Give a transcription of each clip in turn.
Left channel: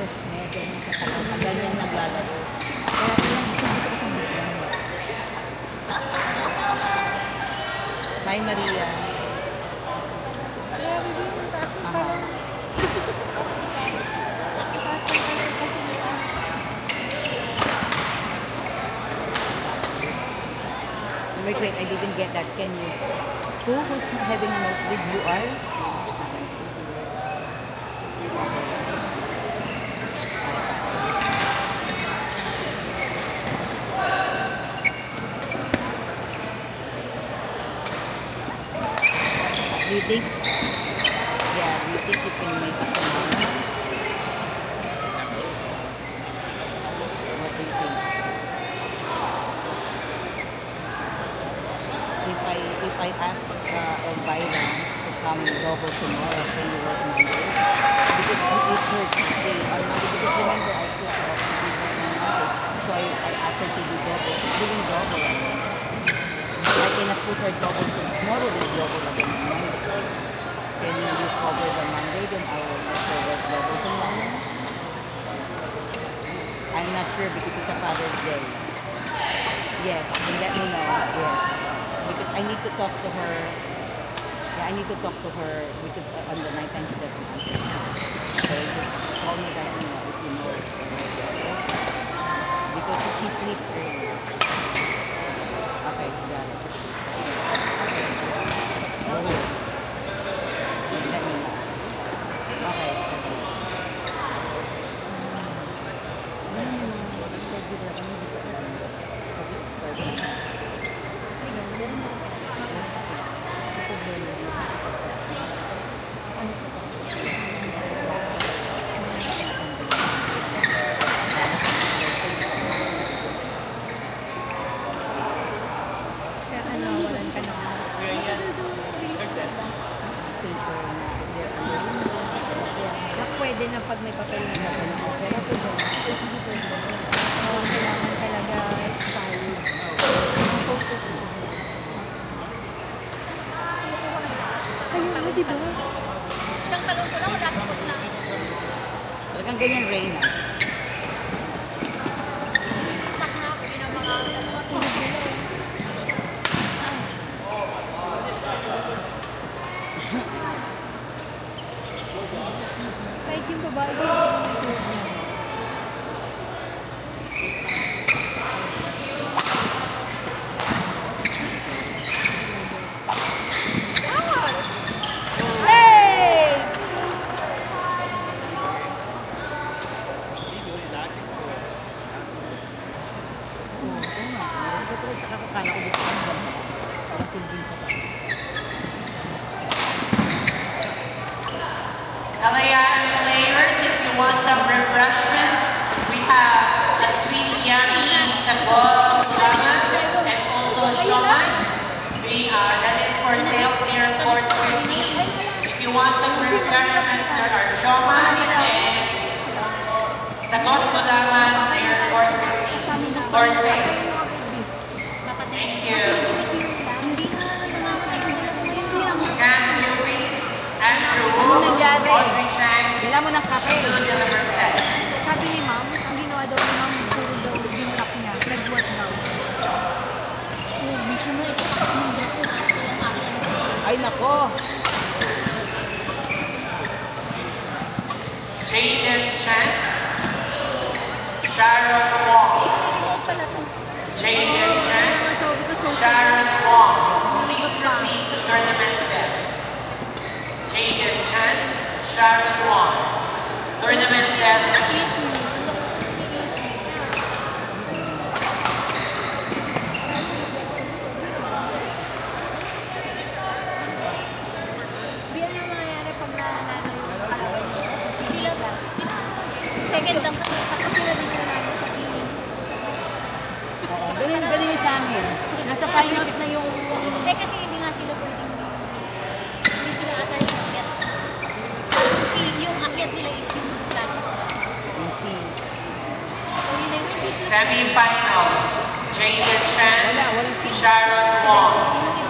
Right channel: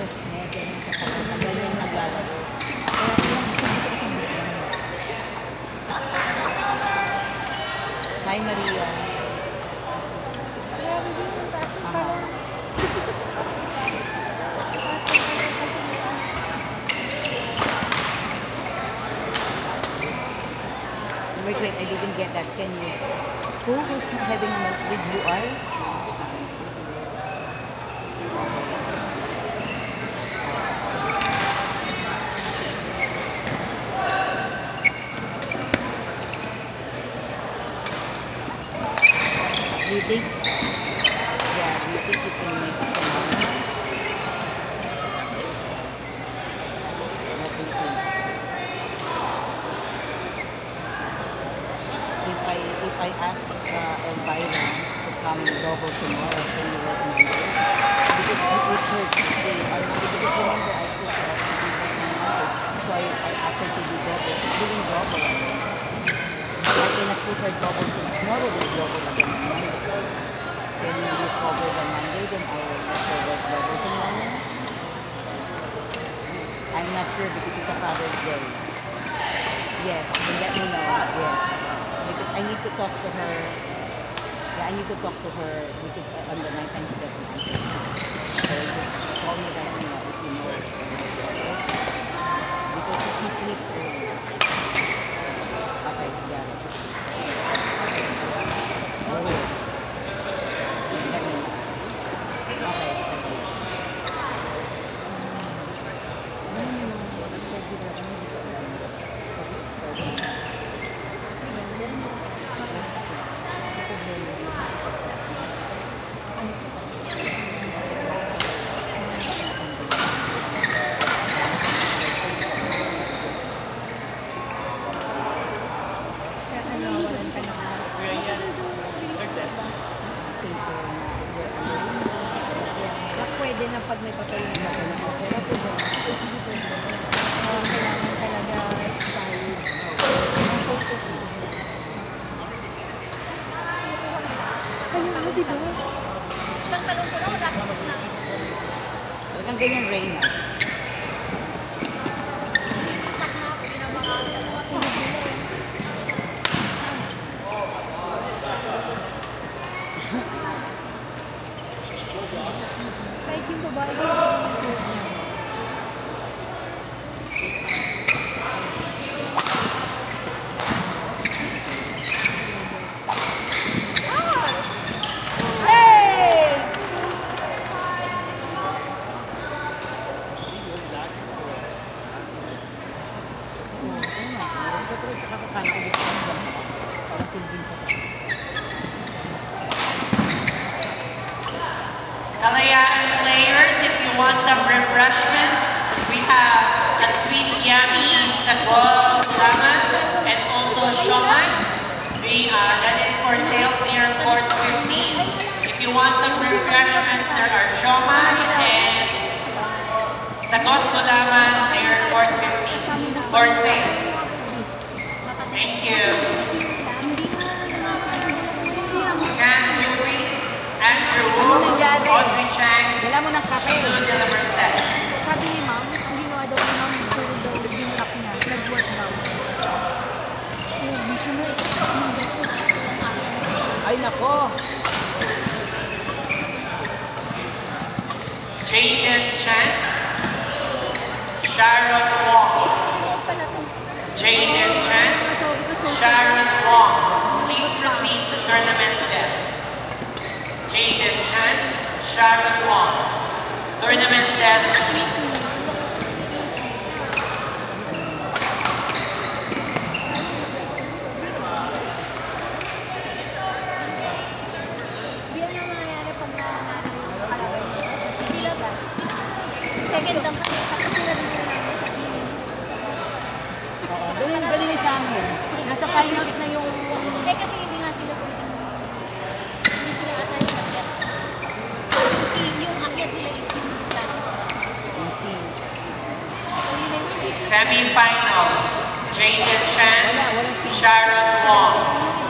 boses niya, ganyan sa kanya, ganyan yung lalaro. Kaya yung gusto ko sa Hi, Maria. Wait, I didn't get that. Can you? Who's having a nosebleed? You are? Do you think? Yeah, do you think you can make it? If I ask Elvira to come over tomorrow, can you work Monday? Because it's her 6th day. Because remember, I took her off to be Monday. So I asked her to do double. She's doing double. So I cannot put her double tomorrow with double again on Monday. Can you cover the Monday? Then I will also work double tomorrow. I'm not sure because it's a Father's Day. Yes, then let me know. Yes. Because I need to talk to her. Yeah, I need to talk to her because on the night time she doesn't answer. So just call me back and let me know. Because she sleeps early. Okay, got it. Let me know. Okay. Pwede na pag may papel na talagang ganyan rain. LAN players, if you want some refreshments, we have a sweet yummy sago lemon and also shomai. That is for sale near Fort 15. If you want some refreshments, there are shomai and sagot gulaman near Fort 15 for sale. Thank you. Andrew, Audrey Chang, Dala mo ng kape. Susan de la Merced. Sabi ni ma'am, hindi mo daw ng yung kap niya. Nag-work daw. Magsunod. Ay, nako. Jaden Chen, Sharon Wong. Jaden Chen, Sharon Wong. Please proceed to tournament desk. Jaden Chen, Sharon Wong. Tournament desk, please. Second lang. Ganun sa amin. Nasa finals na yung... Kasi yung nasa loob. Semi-finals, Jaden Chen, Sharon Wong.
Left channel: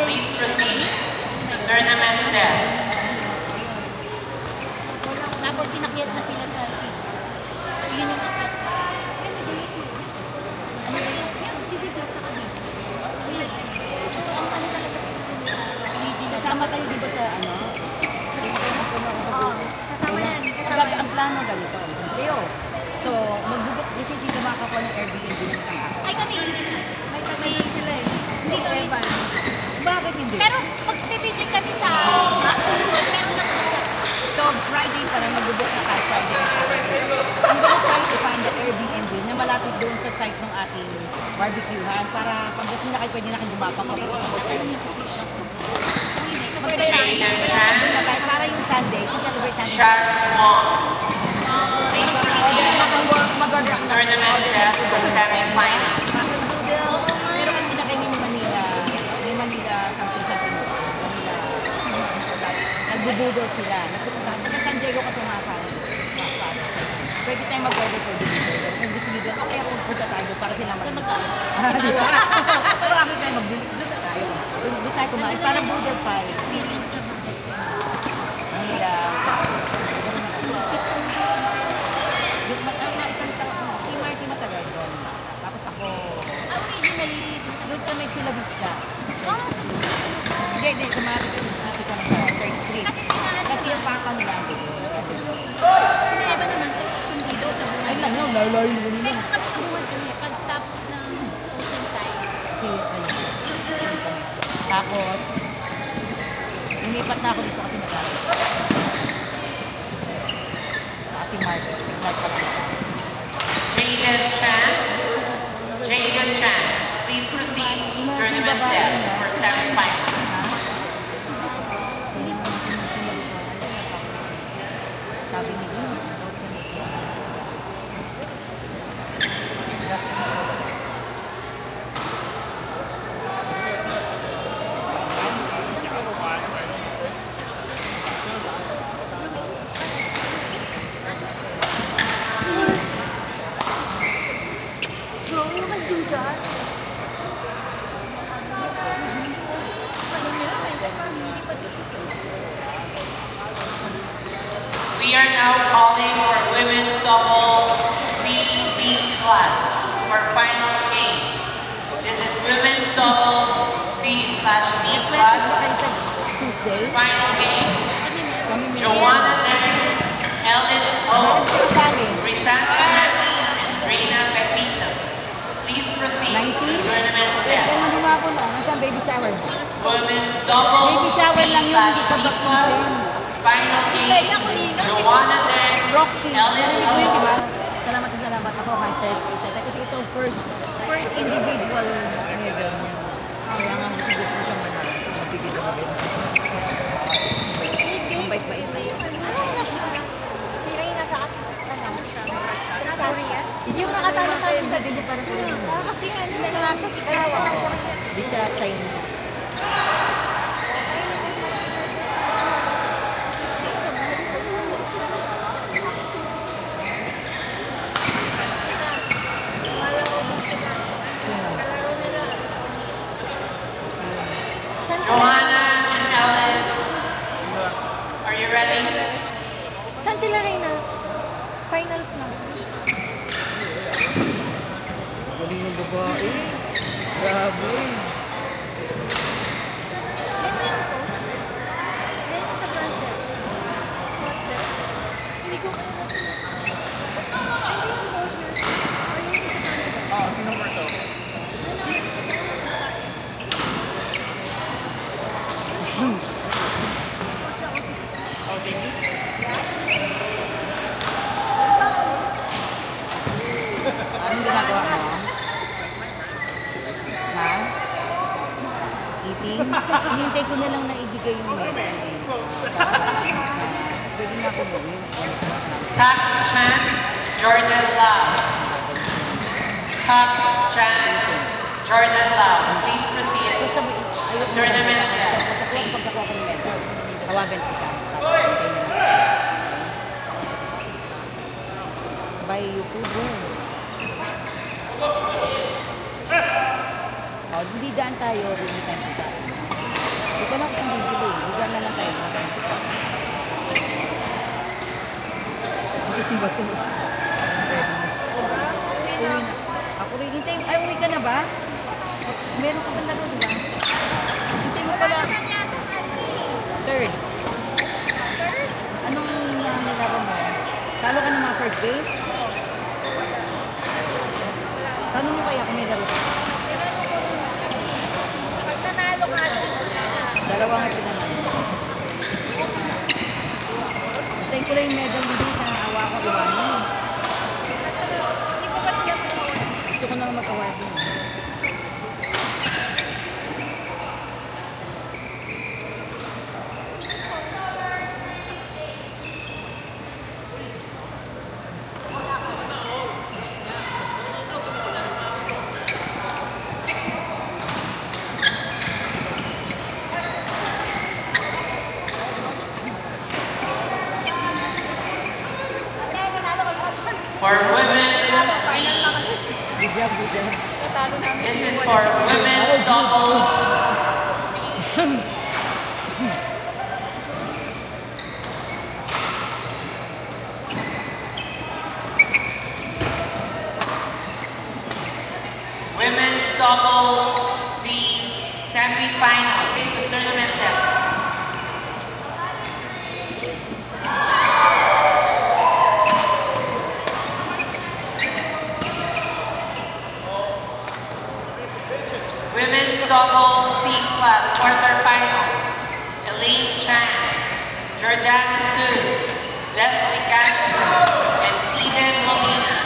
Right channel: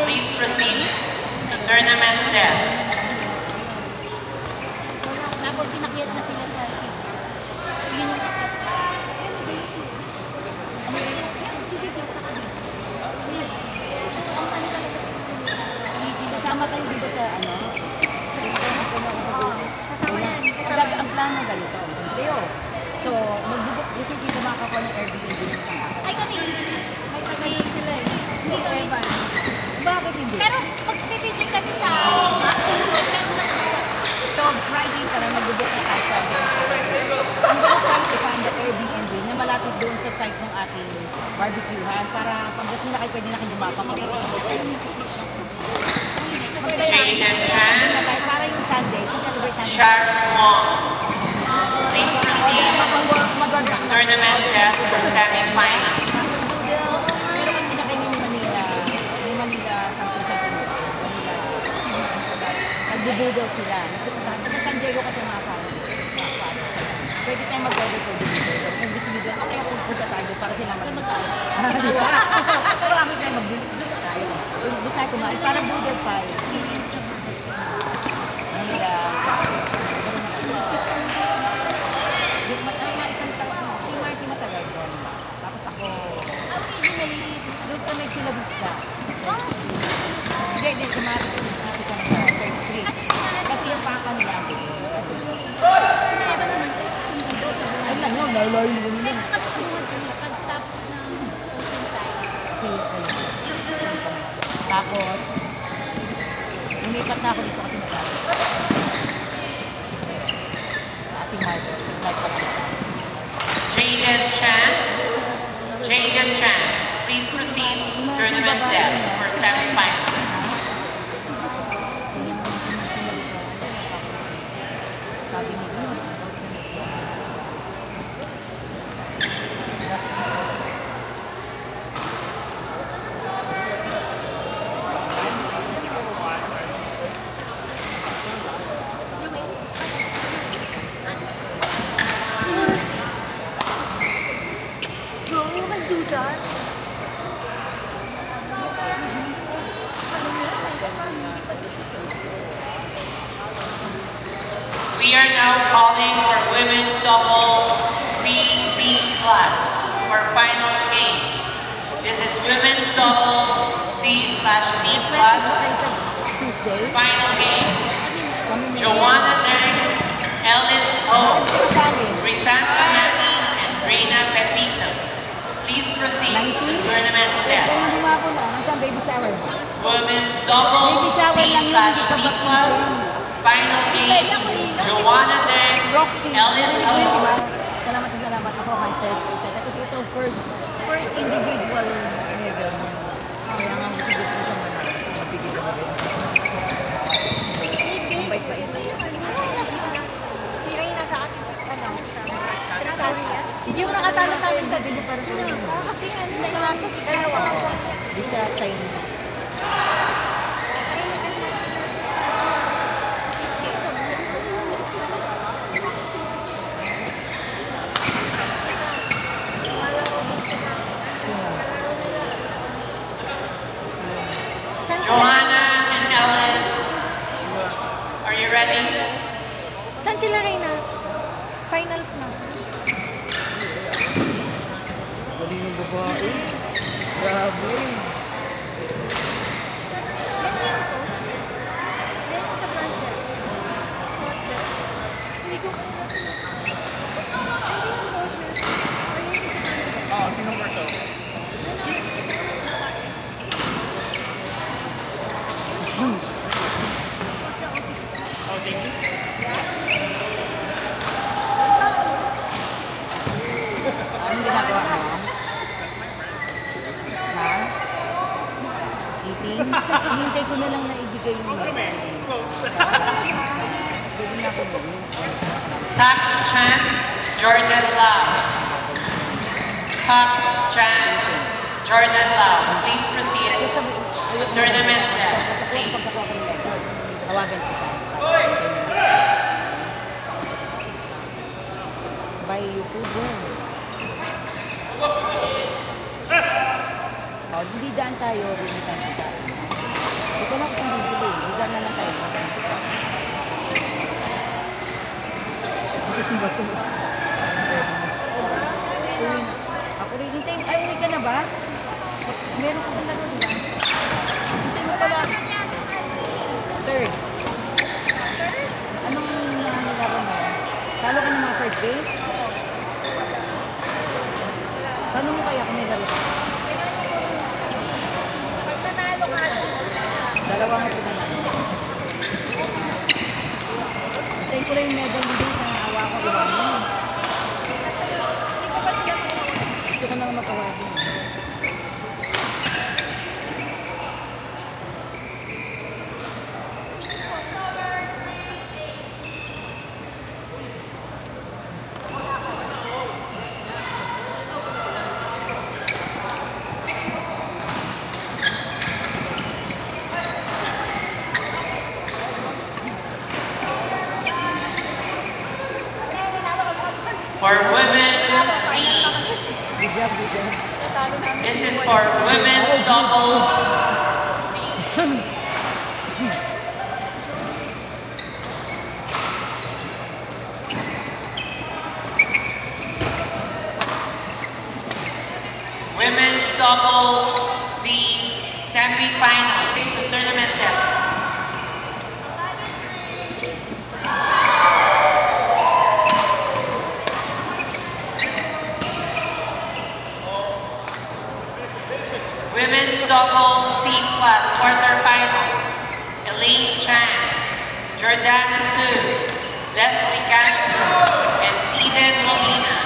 Please proceed to tournament desk. Tapos inakyat na sila sa Jaden Chan, Para yung Sunday, sa Sharon Wong. Please proceed to tournament test for semifinals. Nagbubudol sila. San Diego kasi pwede tayo mag-order ko dito. Kung gusto nyo doon, okay, punta tayo para sinama naman tayo. Di ba? Pero bakit tayo mag-budol tayo? Hindi tayo kumain. Parang budol pa. Doon kami sila bisda. Hindi kumain. Kasi yung paka nila. Ay, ano, layo mo nila. Tapos, nilipat na ako dito kasi magkakaroon. Kasi Jaden Chan, please proceed to tournament test for semifinals. We are now calling for women's double CB plus for finals game. This is women's double C/D plus final game. Joanna Deng, Ellis Ho, Risanta Nani, and Reina Pepito. Please proceed to tournament test. Women's double C/D plus final game. Joanna Deng, Ellis Ho. Salamat ako kay Ted. Kasi ito first individual yung nakatalo sa akin sa video para sa inyo. Kasi hindi naman sa dalawa. Di siya China. Joanna and Ellis, are you ready? Saan sila Reyna? Finals na. Galing ng babae. Grabe. Yan yung ko. Yan yung sa process. Hindi ko hindi yung coaches. O yun yung sa process. Oo, sino mo ito? Oh, thank you. Anong ginagawa ngayon? Ha? Eating? Hintay ko na lang na ibigay yung mga. Pwede na ako gawin. Tak Chan, Jordan Lam. Tak Chan, Jordan Lam. Please proceed to tournament test, please. Tawagan kita. By YouTube. Oh, bibidaan tayo. Bibidaan kita. Ito na kung bibili. Bibidaan na lang tayo. Hindi simba-simba. Ako rin. Hintay. Ay, ulit ka na ba? Meron ka pala doon, diba? Hintay mo pala. Third. Anong nangangalaban mo? Talo ka ng mga first date? Tanong mo kaya kung may laro ka? Dalawang natin naman. Hintayin ko lang yung medal hindi sa awa ko iwanin. Gusto ko lang mag-award yun. For women, D. Good job, good job. This is for women's double. Women's double D semi-final. It's a tournament depth. Women's double C class quarterfinals. Elaine Chan, Jordana Tu, Leslie Castro, and Eden Molina.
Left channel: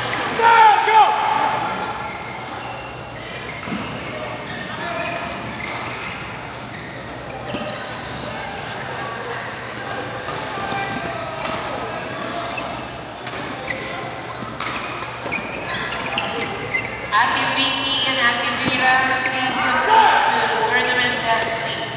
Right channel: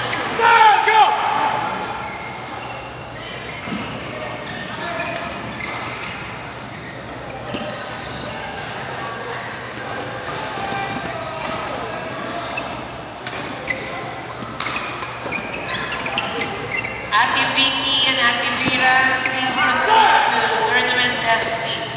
Ate Vicky and Ate Vera, please proceed to tournament desk, please.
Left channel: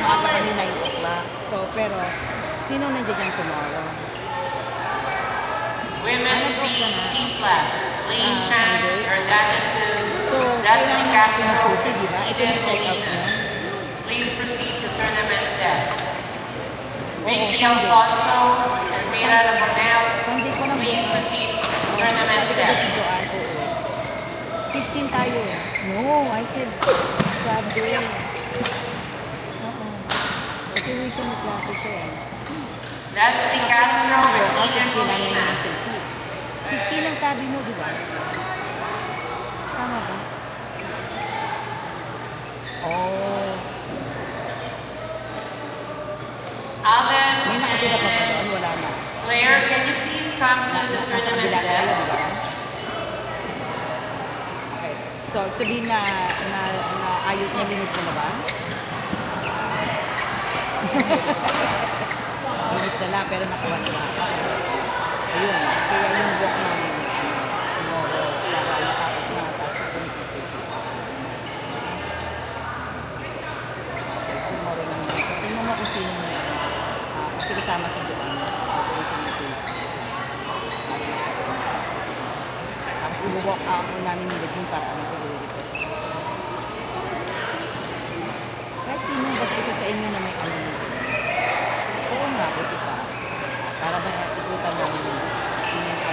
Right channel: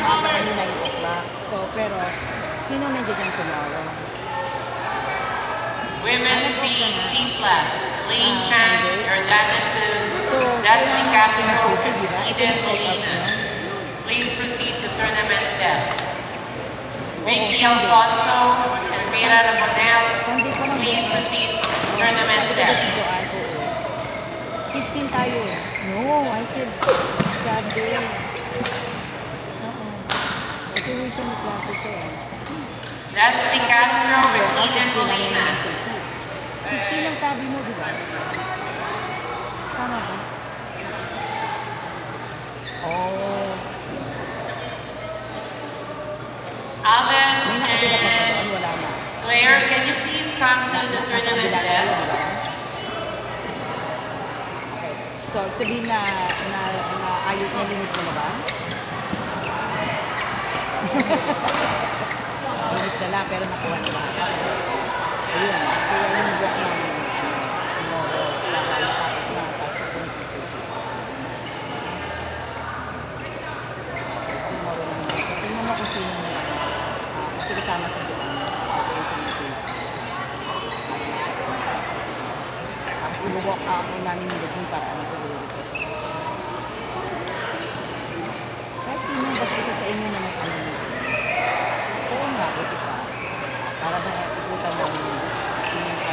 Baka ano na yung ba? So, pero, sino nandiyan tomorrow? Women's D C class, Elaine Chan, Jordana Tu, Leslie Castro, Eden Molina. Please proceed to tournament desk. Vicky Alfonso and Vera Ramonel, please proceed to tournament desk. 15 tayo eh. No, I said, sabi. Kasi rin siya may klase siya eh. Leslie Castro with Eden Molina. 15 lang sabi mo, di ba? Tama ba? Oh. Alan May nakatira pa sa doon, and wala na. Claire, can you please come to the tournament desk? So, sabihin na ayot na linis mo na ba? Linis na lang, pero nakuha na. Ayun, kaya yung buwak na tingnan mo kung sino kasi kasama sa buwan. Tapos ibuwak ako namin yung para ano